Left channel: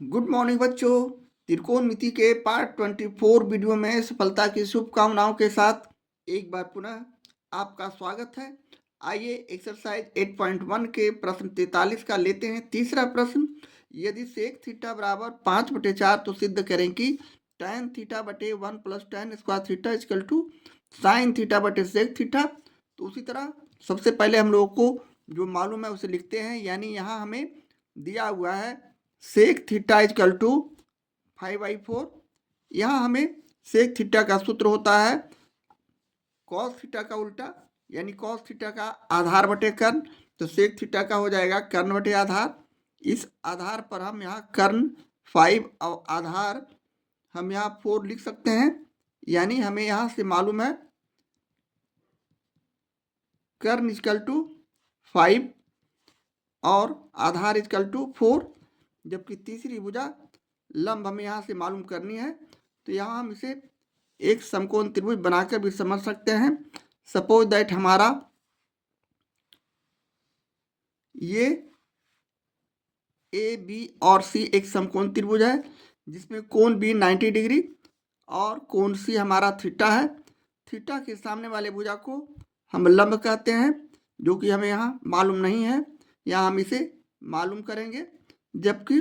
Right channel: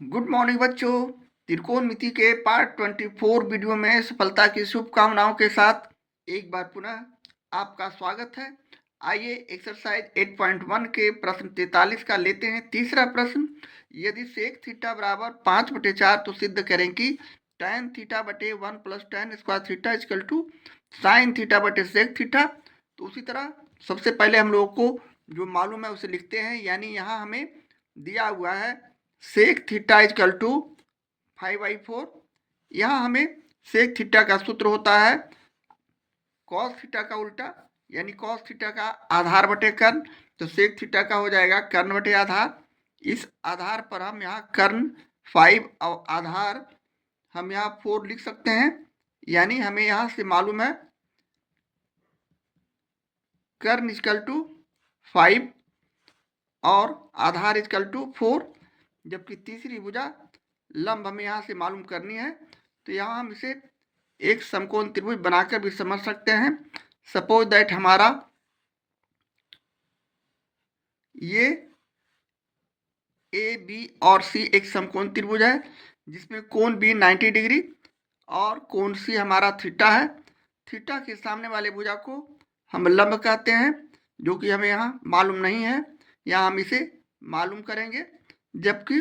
Good morning बच्चों। त्रिकोणमिति के part 24 video में सफलता की शुभकामनाओं के साथ एक बार पुनः आपका स्वागत है। आइए एक्सरसाइज 8.1 के प्रश्न 43 का लेते हैं। तीसरा प्रश्न, यदि सेक थीटा बराबर 5/4 तो सिद्ध करें कि tan थीटा बटे 1 plus tan square theta equal to sine theta बटे सेक थीटा। तो उसी तरह सबसे पहले हम लोगों को जो मालूम है उसे लिखते हैं। यानी यहाँ हमें दिया हुआ है सेक थीटा इक्वल टू 5/4। यहाँ हमें सेक थीटा का सूत्र होता है कॉस थीटा का उल्टा, यानी कॉस थीटा का आधार बटे कर्ण। तो सेक थीटा का हो जाएगा कर्ण बटे आधार। इस आधार पर हम यहाँ कर्ण 5 और आधार हम यहाँ 4 लिख सकते हैं। यानी हमें यहाँ से मालूम है कर्ण इक्वल टू 5 और आधार इक्वल टू 4, जबकि तीसरी भुजा लंब हमें यहाँ से मालूम करनी है। तो यहाँ हम इसे एक समकोण त्रिभुज बनाकर भी समझ सकते हैं। सपोज दैट हमारा ये ए बी और सी एक समकोण त्रिभुज है जिसमें कोण बी 90 डिग्री और कोण सी हमारा थीटा है। थीटा के सामने वाले भुजा को हम लंब कहते हैं, जो कि हमें यहाँ मालूम नहीं है। यहाँ हम इसे मालूम करेंगे। जबकि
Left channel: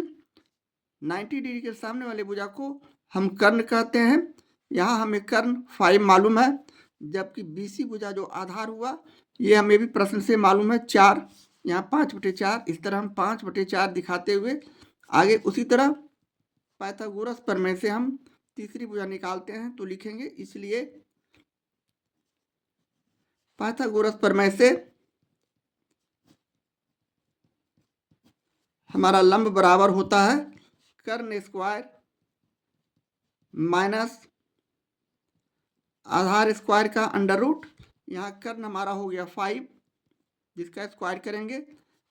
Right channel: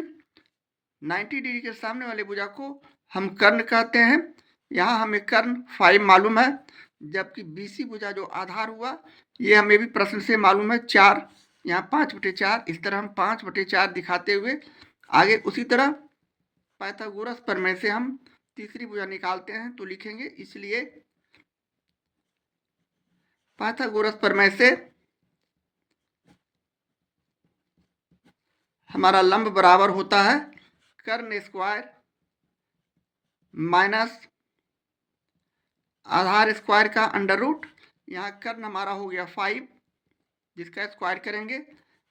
90 डिग्री के सामने वाले भुजा को हम कर्ण कहते हैं। यहाँ हमें कर्ण 5 मालूम है। जबकि बीसी भुजा जो आधार हुआ ये हमें भी प्रश्न से मालूम है 4, यहाँ 5/4। इस तरह हम 5/4 दिखाते हुए आगे उसी तरह पाइथागोरस प्रमेय से हम तीसरी भुजा निकालते हैं। तो लिखेंगे, इसलिए पाइथागोरस प्रमेय से हमारा लंब बराबर होता है कर्ण स्क्वायर माइनस आधार स्क्वायर का अंडर रूट। यहाँ कर्ण हमारा हो गया 5 जिसका स्क्वायर करेंगे,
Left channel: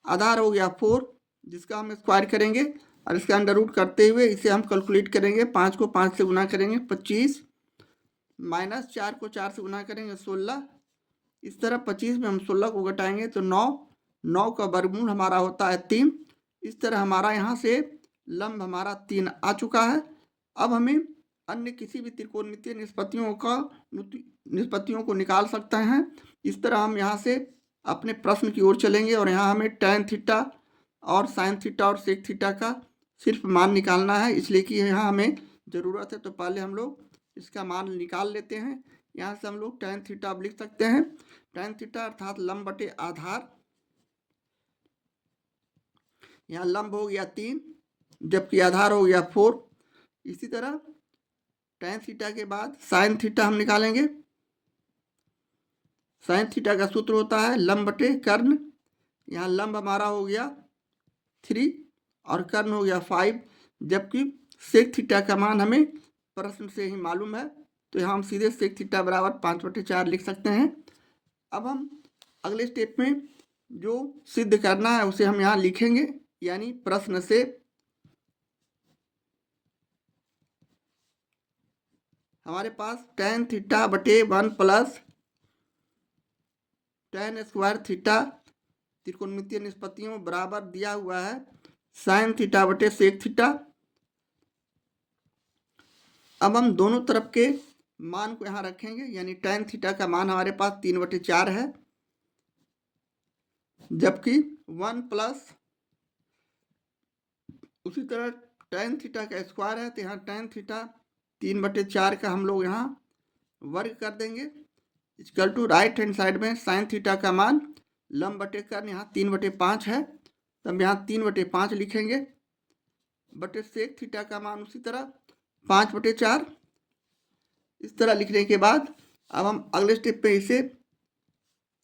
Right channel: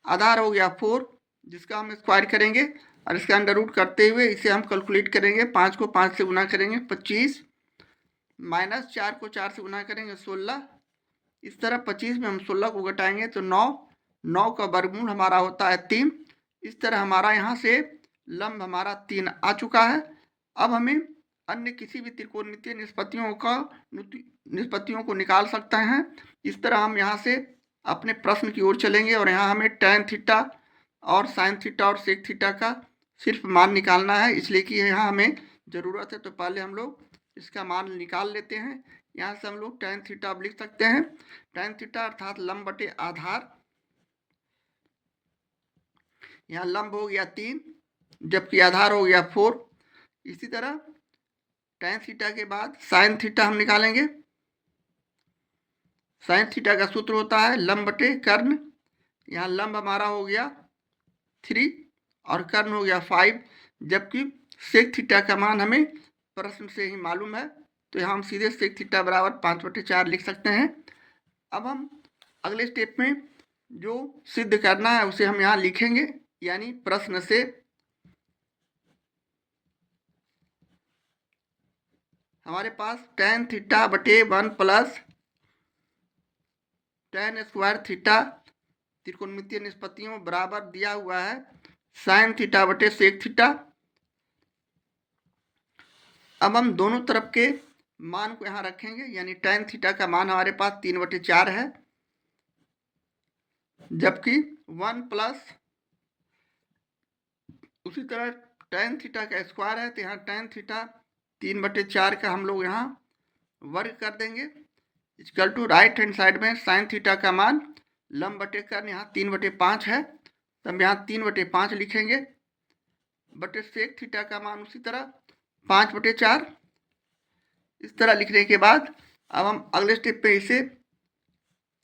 आधार हो गया 4 जिसका हम स्क्वायर करेंगे, और इसका अंडर रूट करते हुए इसे हम कैलकुलेट करेंगे। 5 को 5 से गुना करेंगे 25, माइनस 4 को 4 से गुना करेंगे 16। इस तरह 25 में हम 16 को घटाएंगे तो 9, 9 का वर्गमूल हमारा होता है 3। इस तरह हमारा यहाँ से लंब हमारा 3 आ चुका है। अब हमें अन्य किसी भी त्रिकोणमितीय निष्पत्तियों को निकाल सकते हैं। इस तरह हम यहाँ से अपने प्रश्न की ओर चलेंगे और यहाँ हमें tan थीटा और sin थीटा और sec थीटा का सिर्फ मान निकालना है, इसलिए कि यहाँ हमें ज़रूरत है। तो पहले हम लोग इसका मान निकाल लेते हैं। यहाँ से हम लोग tan थीटा अब लिख सकते हैं। tan थीटा अर्थात लंब बटे आधार, यहाँ लंब हो गया 3 जबकि आधार हो गया 4। इसी तरह tan थीटा के बाद sin थीटा हम निकालेंगे। sin थीटा का सूत्र होता है लंब बटे कर्ण। यहाँ लंब हमारा हो गया 3 और कर्ण हो गया 5, जबकि sec थीटा का मान हमें प्रश्न से ही मालूम है। तो यहाँ हम सीधे sec थीटा बराबर 5/4 लिख सकते हैं। अब हम अगले स्टेप में जो सिद्ध करना है उसे हम यहाँ लिखेंगे। यानी प्रश्न से हमारे पास tan थीटा बटे 1 प्लस tan स्क्वायर थीटा त्रिकोणमितीय निष्पत्तियों बराबर दिया हुआ है sin थीटा बटे sec थीटा। अब हम दोनों तरफ के मान को यहाँ रखेंगे। यानी tan थीटा का मान हमारे पास 3/4 है, जबकि 1 प्लस उसी तरह tan थीटा का स्क्वायर है। तो यहाँ tan थीटा 3/4 का हम लोग यहाँ वर्ग कर देंगे equal to right hand side में sin थीटा का मान लंब बटे कर्ण यहाँ 3/5 है, तो हम यहाँ 3/5 लिखेंगे बटे sec थीटा का मान उसी तरह 5/4। इस तरह लिखने के बाद अब हम अगले स्टेप पे इसे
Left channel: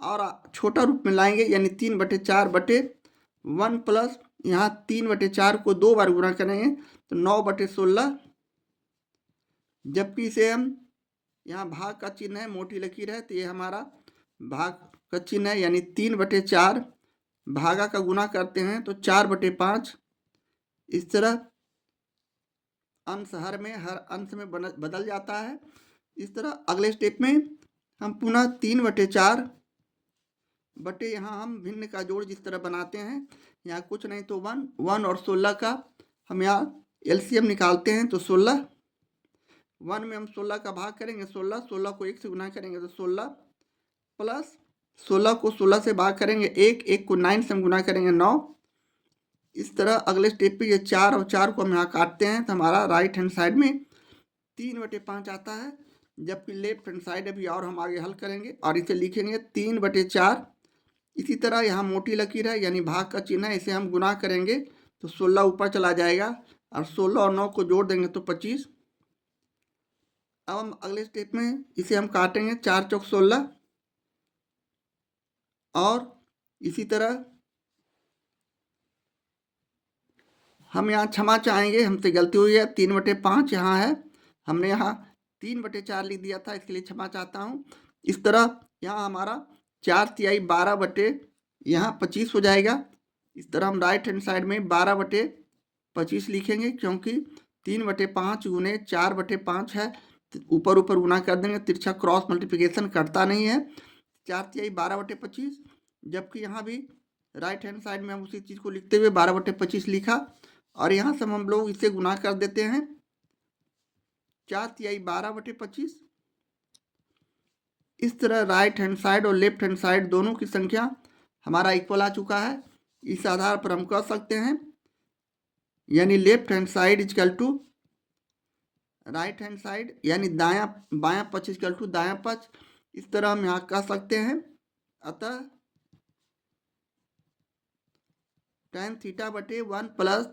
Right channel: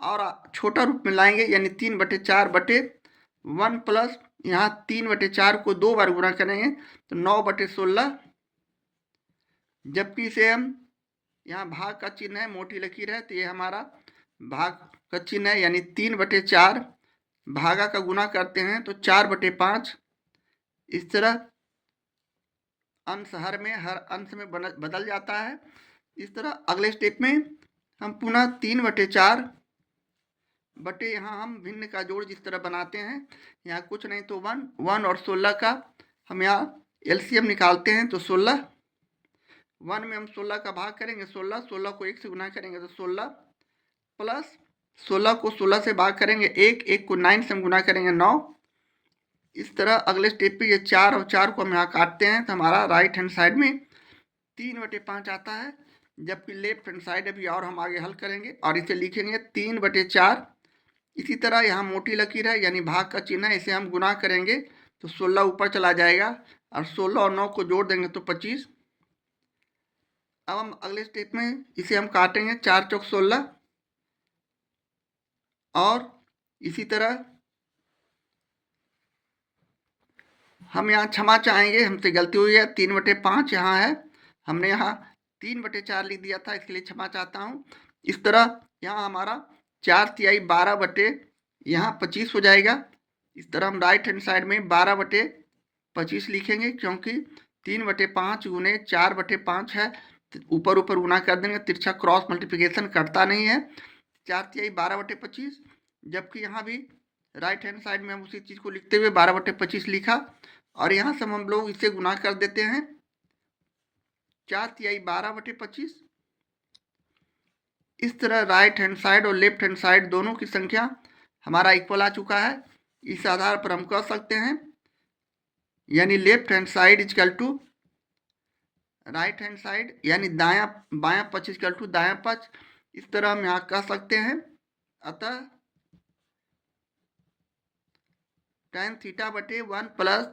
और छोटा रूप में लाएंगे। यानी 3/4 बटे 1 प्लस यहाँ 3/4 को 2 बार गुणा करेंगे तो 9/16, जबकि इसे हम यहाँ भाग का चिन्ह है, मोटी लकीर है, तो ये हमारा भाग का चिन्ह है। यानी 3/4 भागा का गुना करते हैं तो 4/5। इस तरह अंश हर अंश में बदल जाता है। इस तरह अगले स्टेप में हम पुनः 3/4 बटे यहाँ हम भिन्न का जोड़ जिस तरह बनाते हैं, यहाँ कुछ नहीं तो 1 और 16 का हम यहाँ एलसीएम निकालते हैं तो 16, 1 में हम 16 का भाग करेंगे 16, 16 को 1 से गुना करेंगे तो 16 प्लस 16 को 16 से भाग करेंगे 1, 1 को 9 से हम गुना करेंगे 9। इस तरह अगले स्टेप पे ये 4 और 4 को हम यहाँ काटते हैं तो हमारा राइट हैंड साइड में 3/5 आता है, जबकि लेफ्ट हैंड साइड अभी और हम आगे हल करेंगे और इसे लिखेंगे 3/4। इसी तरह यहाँ मोटी लकीर है यानी भाग का चिन्ह है, इसे हम गुना करेंगे तो 16 ऊपर चला जाएगा और 16 और 9 को जोड़ देंगे तो 25। अब हम अगले स्टेप में इसे हम काटेंगे 4 चौक 16 और इसी तरह हम यहाँ क्षमा चाहेंगे, हमसे गलती हुई है, 3/5 यहाँ है, हमने यहाँ 3/4 लिख दिया था, इसके लिए क्षमा चाहता हूँ। इस तरह यहाँ हमारा 4/3 12/25 हो जाएगा। इस तरह हम राइट हैंड साइड में 12/25 लिखेंगे, क्योंकि 3/5 गुने 4/5 है, ऊपर ऊपर गुना कर देंगे, तिरछा क्रॉस मल्टीप्लिकेशन करता नहीं है। 4/3 12/25, जबकि यहाँ भी राइट हैंड साइड में हम उसी चीज़ को लिखते हुए 12/25 लिखा और यहाँ से हम लोग इसे गुना कर देते हैं 4/3 12/25। इस तरह राइट हैंड साइड और लेफ्ट हैंड साइड दोनों की संख्या हमारा इक्वल आ चुका है। इस आधार पर हम कह सकते हैं यानी left hand side equal to right hand side, यानी दायां बायां पक्ष इजकल टू दायां पक्ष। इस तरह हम यहाँ कह सकते हैं। अतः tan θ/1 plus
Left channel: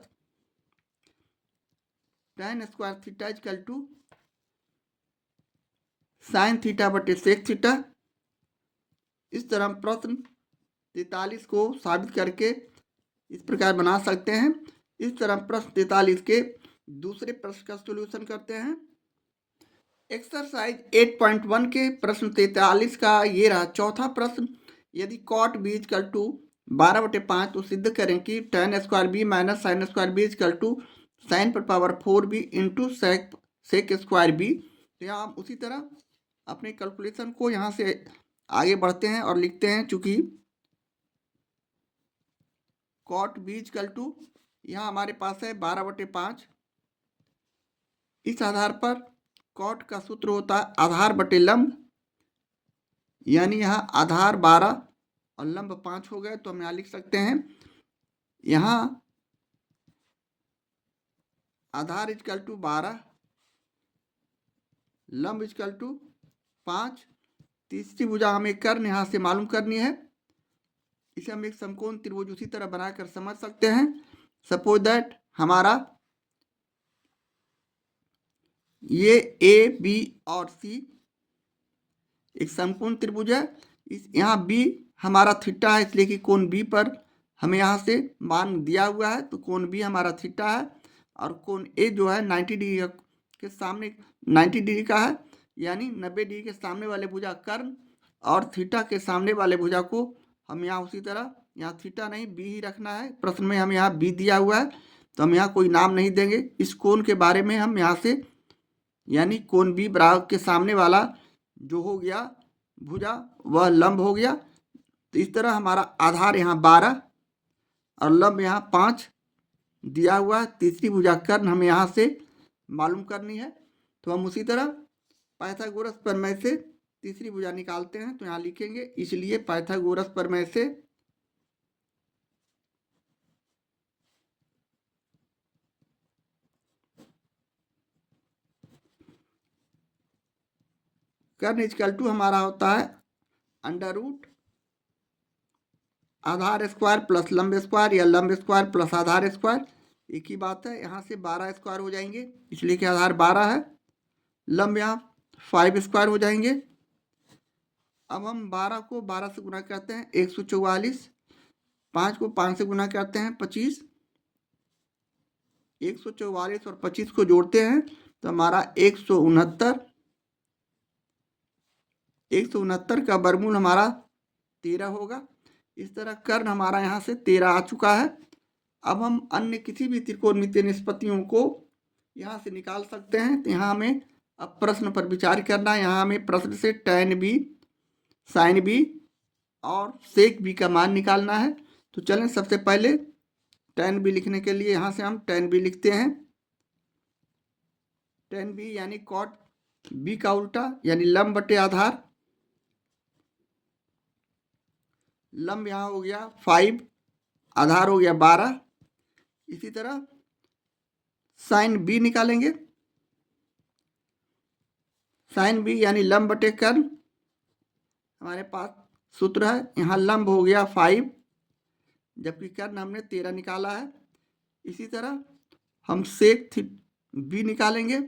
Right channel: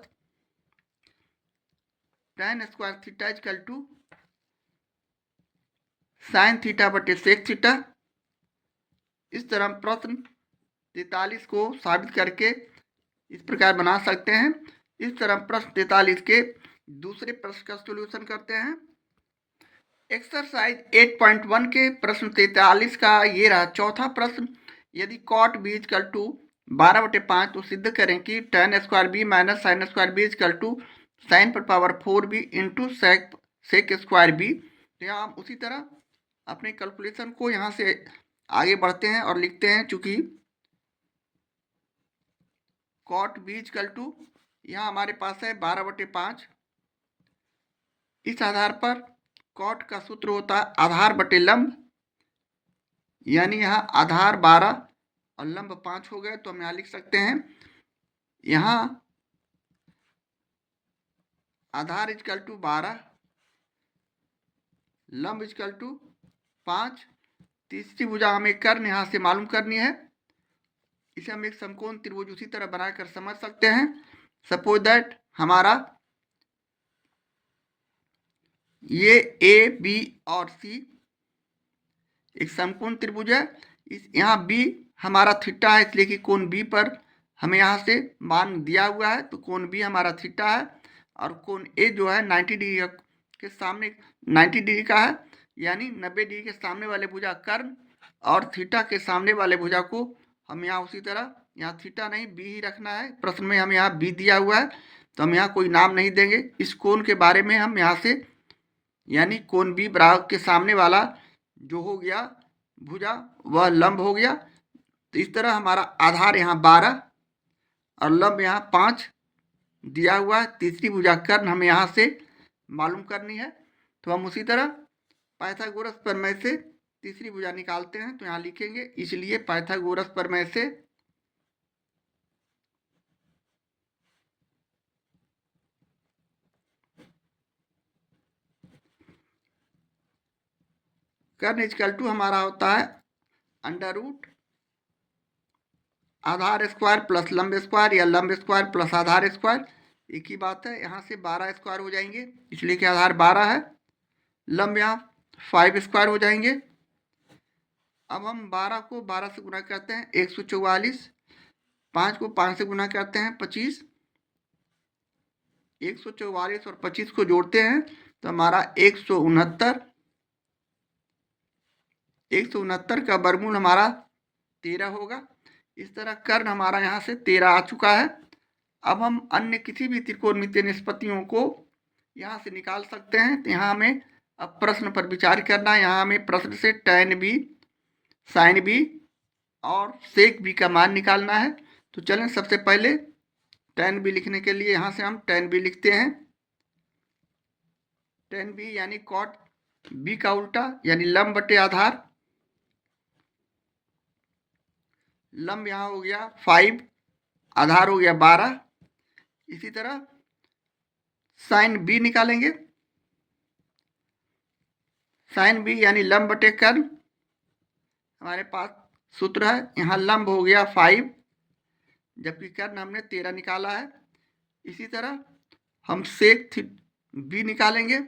tan square theta equal to sin θ/sec theta. इस तरह हम प्रश्न 43 को साबित करके इस प्रकार बना सकते हैं। इस तरह हम प्रश्न 43 के दूसरे प्रश्न का सॉल्यूशन करते हैं। एक्सरसाइज 8.1 के प्रश्न 43 का ये रहा चौथा प्रश्न। यदि कॉट बी इजकल टू 12/5 तो सिद्ध करें कि tan square B minus sine square B equal to sine पर power 4b into sec square B. तो यहाँ हम उसी तरह अपने कैलकुलेशन को यहाँ से आगे बढ़ते हैं और लिखते हैं, चूंकि कॉट बी इजकल टू यहाँ हमारे पास है 12/5। इस आधार पर कॉट का सूत्र होता है आधार बटे लंब, यानी यहाँ आधार 12 और लंब 5 हो गए, तो हम यहाँ लिख सकते हैं यहाँ आधार इजकल टू 12, लंब इजकल टू 5। तीसरी भुजा हमें कर्ण यहाँ से मालूम करनी है, इसे हम एक समकोण त्रिभुज उसी तरह बनाकर समझ सकते हैं। सपोज दैट हमारा ये ए बी और सी एक समकोण त्रिभुज है। इस यहाँ बी हमारा थीटा है, इसलिए कि कोण बी पर हमें यहाँ से मान दिया हुआ है, तो कोण बी हमारा थीटा है और कोण ए जो है 90 डिग्री के सामने 90 डिग्री का है, यानी 90 डिग्री के सामने वाले भुजा कर्ण और थीटा के सामने वाले भुजा को हम यहाँ उसी तरह यहाँ थीटा नहीं बी ही रखना है। प्रश्न में हम यहाँ बी दिया हुआ है, तो हम यहाँ कोई नाम नहीं देंगे। इस कोण के बारे में हम यहाँ से यानी कोण बी बराबर के सामने वाला जो हो गया भुजा वह लंब हो गया। तो इस तरह हमारा आधार यहाँ 12 और लंब यहाँ 5 दिया हुआ है। तीसरी भुजा कर्ण हमें यहाँ से मालूम करनी है, तो हम उसी तरह पाइथागोरस प्रमेय से तीसरी भुजा निकालते हैं। तो यहाँ लिखेंगे इसलिए पाइथागोरस प्रमेय से कर्ण इजकल टू हमारा होता है अंडर रूट आधार स्क्वायर प्लस लंब स्क्वायर या लंब स्क्वायर प्लस आधार स्क्वायर, एक ही बात है। यहाँ से 12 स्क्वायर हो जाएंगे, इसलिए कि आधार 12 है। लंब यहाँ 5 स्क्वायर हो जाएंगे। अब हम 12 को 12 से गुना करते हैं 144, 5 को 5 से गुना करते हैं 25, 144 और 25 को जोड़ते हैं तो हमारा 169 का वर्गमूल हमारा 13 होगा। इस तरह कर्ण हमारा यहाँ से 13 आ चुका है। अब हम अन्य किसी भी त्रिकोणमितीय निष्पत्तियों को यहाँ से निकाल सकते हैं। तो यहाँ हमें अब प्रश्न पर विचार करना है। यहाँ हमें प्रश्न से tan बी साइन बी और सेक बी का मान निकालना है। तो चलें सबसे पहले tan बी लिखने के लिए यहाँ से हम tan बी लिखते हैं। टेन बी यानी कॉट बी का उल्टा यानी लंब बटे आधार। लंब यहाँ हो गया 5, आधार हो गया 12। इसी तरह साइन बी निकालेंगे। साइन बी यानी लंब बटे कर्ण। हमारे पास सूत्र है, यहाँ लंब हो गया 5 जबकि कर्ण हमने 13 निकाला है। इसी तरह हम सेक बी निकालेंगे।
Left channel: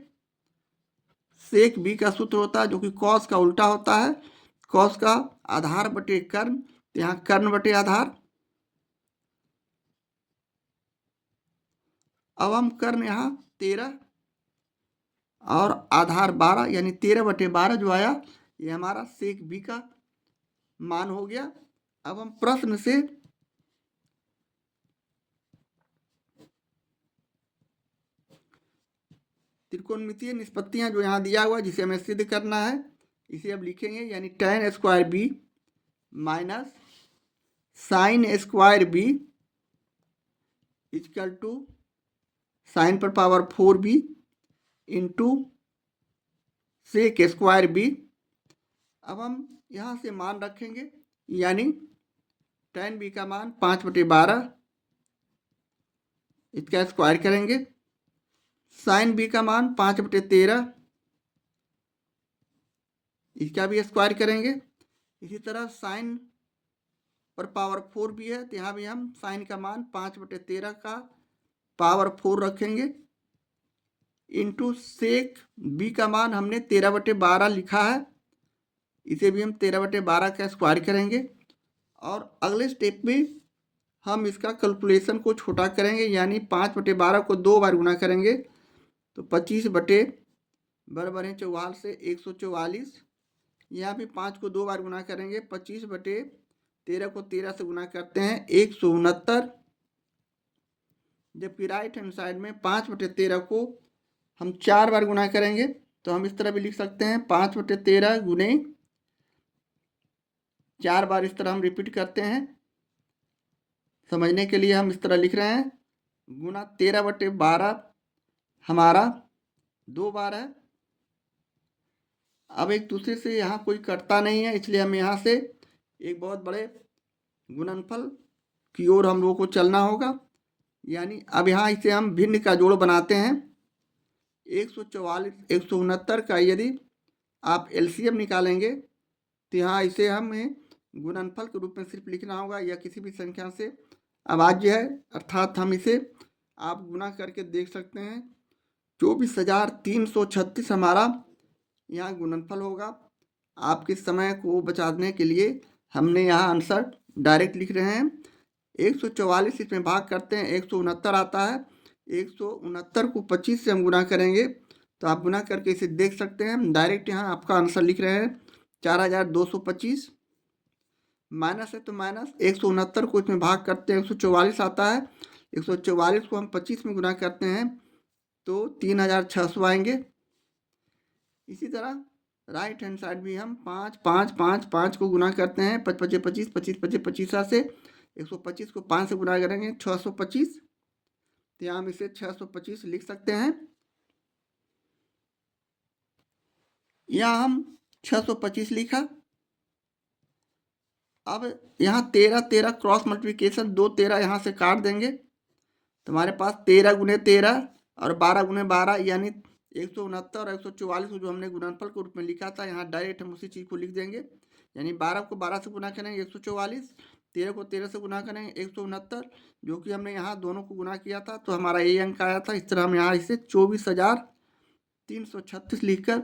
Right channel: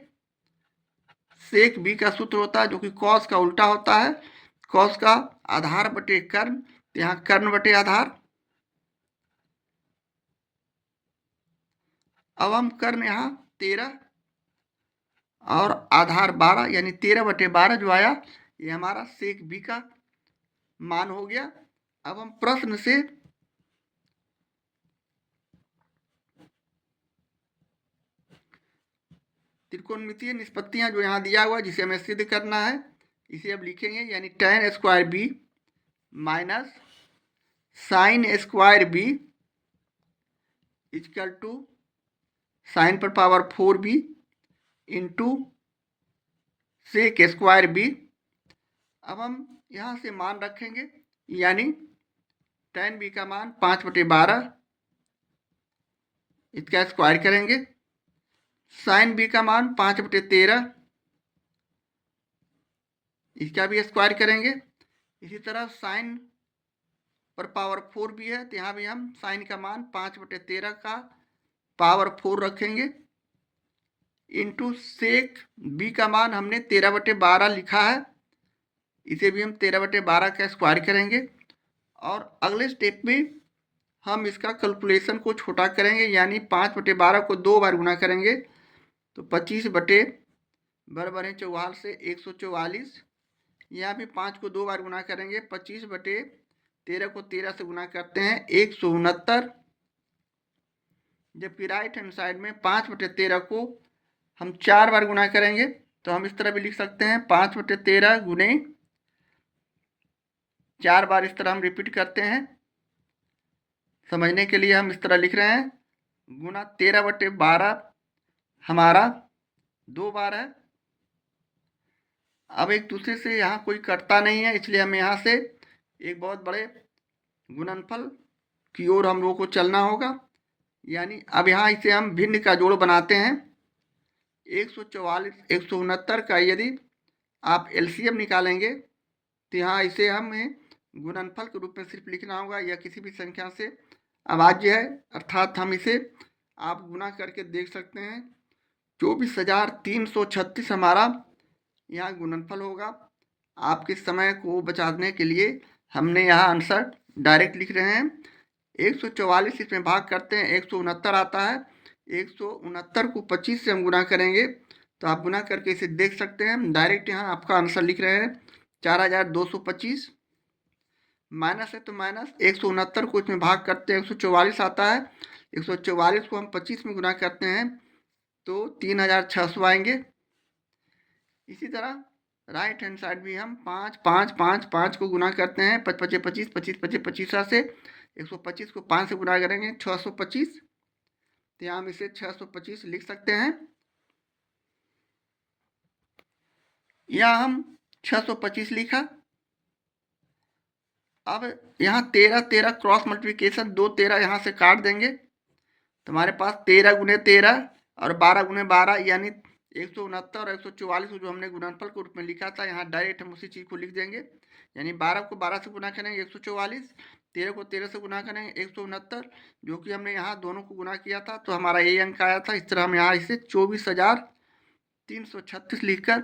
सेक बी का सूत्र होता है जो कि कॉस का उल्टा होता है, कॉस का आधार बटे कर्ण, तो यहाँ कर्ण बटे आधार। अब हम कर्ण यहाँ 13 और आधार 12 यानी 13/12 जो आया ये हमारा सेक बी का मान हो गया। अब हम प्रश्न से त्रिकोणमितीय निष्पत्तियां जो यहाँ दिया हुआ जिसे हमें सिद्ध करना है, इसे अब लिखेंगे यानी tan square B minus sine square B equal to sine पर power 4b into sec square B. अब हम यहाँ से मान रखेंगे यानी tan बी का मान 5/12, इसका स्क्वायर करेंगे। साइन बी का मान 5/13, इसका भी स्क्वायर करेंगे। इसी तरह साइन पर पावर 4b है तो यहाँ भी हम साइन का मान 5/13 का पावर 4 रखेंगे इंटू सेक बी का मान हमने 13/12 लिखा है, इसे भी हम 13/12 का स्क्वायर करेंगे। और अगले स्टेप में हम इसका कैलकुलेशन को छोटा करेंगे यानी 5/12 को 2 बार गुना करेंगे तो 25/44 से 144। यहाँ भी 5 को 2 बार गुना करेंगे, 25/13 को 13 से गुना करते हैं 169। जबकि राइट हैंड साइड में 5/13 को हम 4 बार गुना करेंगे तो हम इस तरह भी लिख सकते हैं 5/13 गुने 4 बार, इस तरह हम रिपीट करते हैं। समझने के लिए हम इस तरह लिख रहे हैं गुना 13/12 हमारा 2 बार है। अब एक दूसरे से यहाँ कोई कटता नहीं है, इसलिए हम यहाँ से एक बहुत बड़े गुणनफल की ओर हम लोगों को चलना होगा। यानी अब यहाँ इसे हम भिन्न का जोड़ बनाते हैं। 144 169 का यदि आप एलसीएम निकालेंगे तो यहाँ इसे हमें गुणनफल के रूप में सिर्फ लिखना होगा या किसी भी संख्या से अभाज्य है, अर्थात हम इसे आप गुना करके देख सकते हैं। 24,336 हमारा यहाँ गुणनफल होगा। आपके समय को बचाने के लिए हमने यहाँ आंसर डायरेक्ट लिख रहे हैं। 144 इसमें भाग करते हैं 169 आता है, 169 को 25 से हम गुना करेंगे तो आप गुना करके इसे देख सकते हैं। डायरेक्ट यहाँ आपका आंसर लिख रहे हैं 4225। माइनस है तो माइनस 169 को इसमें भाग करते हैं 144 आता है, 144 को हम 25 में गुना करते हैं तो 3600 आएंगे। इसी तरह राइट हैंड साइड भी हम 5 5 5 5 को गुना करते हैं 5 5 25 25 25 25 से 125 को 5 से गुना करेंगे 625, तो यहाँ हम इसे 625 लिख सकते हैं। यहाँ हम 625 लिखा। अब यहाँ 13 13 क्रॉस मल्टीप्लिकेशन 2 13 यहाँ से काट देंगे तो हमारे पास 13 गुने 13 और 12 गुने 12 यानी 169 और 144 को जो हमने गुणनफल के रूप में लिखा था यहाँ डायरेक्ट हम उसी चीज़ को लिख देंगे। यानी 12 को 12 से गुना करेंगे 144, 13 को 13 से गुना करेंगे 169, जो कि हमने यहाँ दोनों को गुना किया था तो हमारा ये अंक आया था। इस तरह हम यहाँ इसे 24,336 लिखकर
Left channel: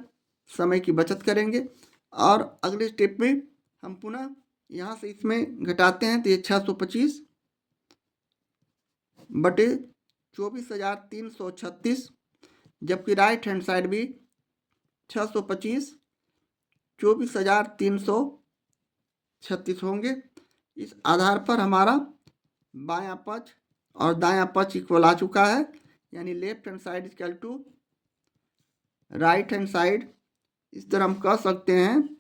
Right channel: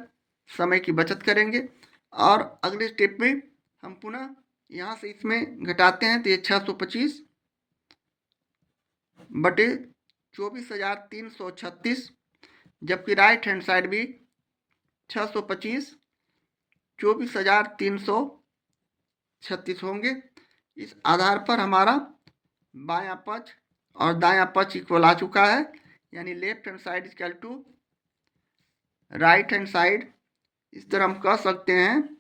समय की बचत करेंगे। और अगले स्टेप में हम पुनः यहाँ से इसमें घटाते हैं तो ये 625 बटे 24,336, जबकि राइट हैंड साइड भी 625 24,336 होंगे। इस आधार पर हमारा बायां पक्ष और दायां पक्ष इक्वल आ चुका है, यानी left hand side equal to right hand side. इस तरह हम कह सकते हैं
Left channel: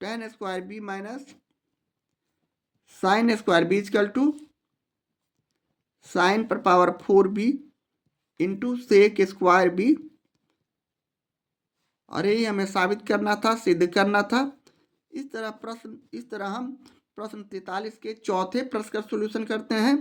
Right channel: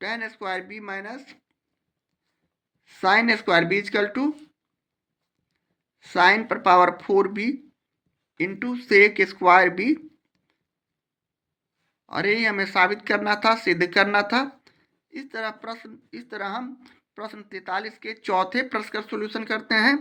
tan square B minus sine square B equal to sine पर power 4b into sec square B. अरे ये हमें साबित करना था, सिद्ध करना था। इस तरह हम प्रश्न 43 के चौथे प्रश्न का सॉल्यूशन करते हैं।